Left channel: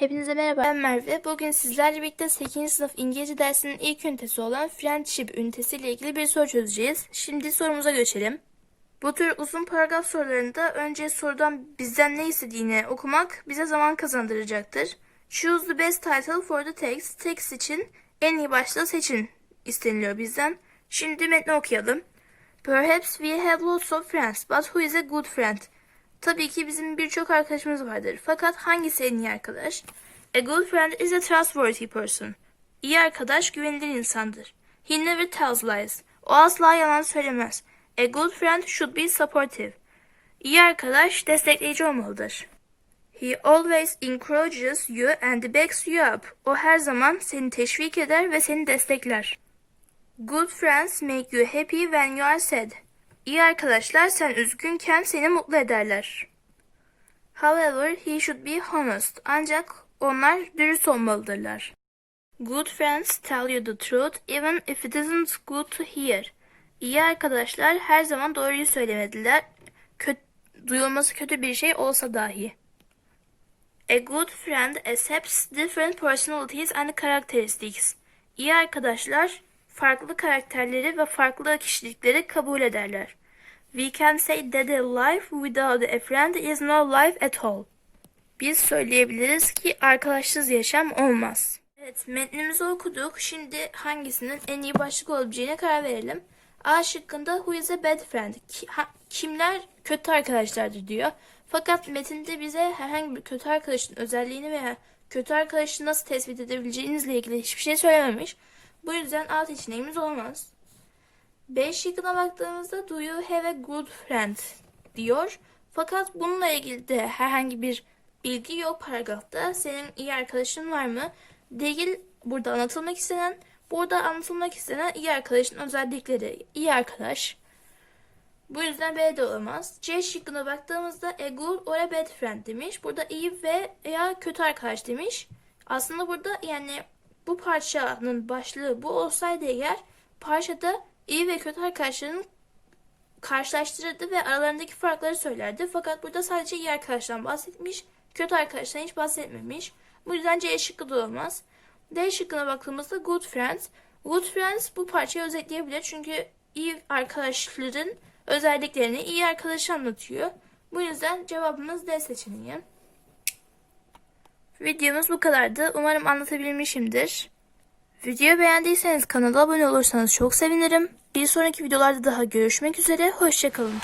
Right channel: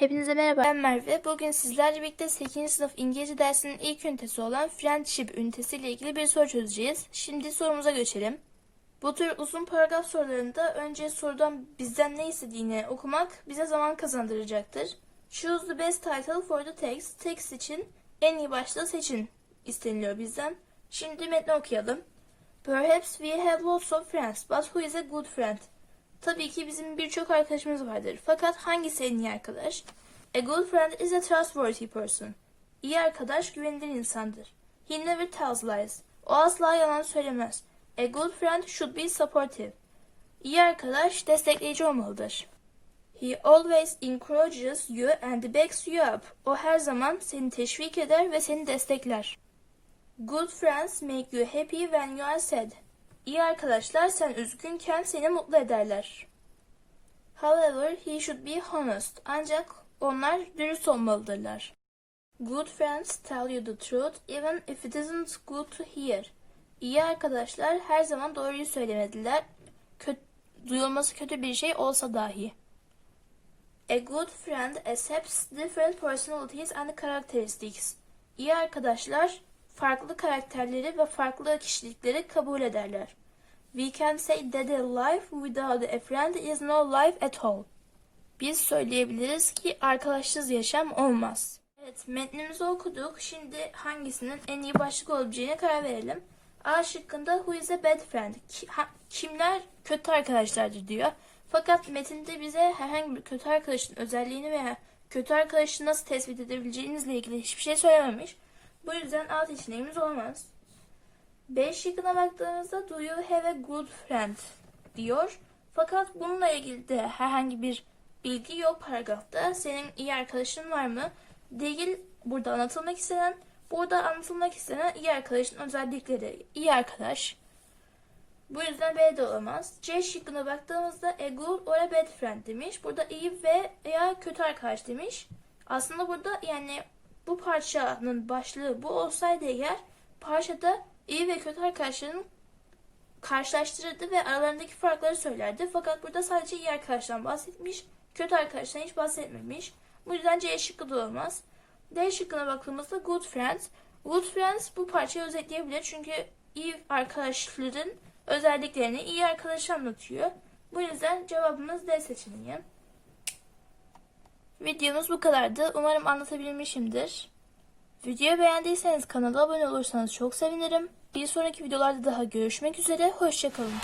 Hepinize merhaba ben Merve. Bugün sizlerle birlikte 8. sınıf İngilizce dersinin ilk ünitesi olan Friendship ünitesiyle ilgili bir soru çözeceğiz. Şimdi sorumuza geçelim. Bu tür uzun paragraf sorularında önce sorudan bizden ne istediğini okumak bize zaman kazandıracaktır. Choose the best title for the text. Text için en iyi başlığı seçin isteniliyor bizden. Şimdi metni okuyalım. Perhaps we have lots of friends, but who is a good friend? Tabii ki bizim birçok arkadaşımız vardır. Fakat hangisi en iyi arkadaş? A good friend is a trustworthy person. İyi arkadaş güvenilir insandır. He never tells lies. O asla yalan söylemez. A good friend should be supportive. İyi arkadaş destekleyici olmalıdır. He always encourages you and backs you up. O her zaman seni teşvik eder ve seni destekler. Good friends make you happy when you are sad. İyi arkadaşlar sen üzgünken seni mutlu ederler. However, he should be honest. Ancak onlar dürüst olmalıdırlar. Good friends tell you the truth even if it isn't good to hear. İyi arkadaşlar her zaman doğruyu söylemediler. Kö duyulması kötü bir şey olsa dahi. A good friend accepts different personalities and characteristics. İyi arkadaşlar farklı karakterleri ve farklı kişilikleri kabul ederler. We can say that a life without a friend is no life at all. Biz söyleyebiliriz ki arkadaşsız yaşam olmaz. Evet, metnimizi okuduk. Şimdi hangisinin en iyi başlık olabileceğine karar verelim. A şıkkında who is a bad friend? Kimler kötü arkadaşlardır diyor. Fakat metinde bize herhangi bir kötü arkadaşın özelliğini veya kötü arkadaşı nasıl tespit edebileceğinizle ilgili hiçbir şey söylememiş. Bu yüzden A seçeneğimiz olamaz. B şıkkına baktığımızda do you have a good friend diyor. Fakat bununla ilgili de herhangi bir bilgi yok paragrafta. Senin iyi arkadaşın var mı? Değil burada anlatılmak istenen. Burada anlatılmak istenen iyi arkadaşın özellikleri. İyi arkadaş. Bu yüzden B de olamaz. C şıkkına baktığımızda a good or a bad friend demiş. Burada iyi ve veya kötü arkadaş demiş. Aslında burada yani bu parçanın başlığı bu olsaydı eğer parçada iyi ve kötü arkadaşların karşılaştırırdı ve aralarındaki farkları söylerdi. Fakat burada sadece iyi arkadaştan bahsetmiş, kötü arkadaştan hiç bahsetmemiş. Bu yüzden C şıkkı da olmaz. D şıkkına baktığımızda good friends. Good friends bu parçayı özetleyebilir çünkü iyi arkadaşların özelliklerini iyi arkadaşı anlatıyor. Bu yüzden cevabımız D seçeneği. Videomuz bu kadardı. Umarım anlatabilmişimdir. Videoyu beğendiyseniz kanala abone olursanız çok sevinirim. Bir sonraki videolarda daha görüşmek üzere. Hoşçakalın.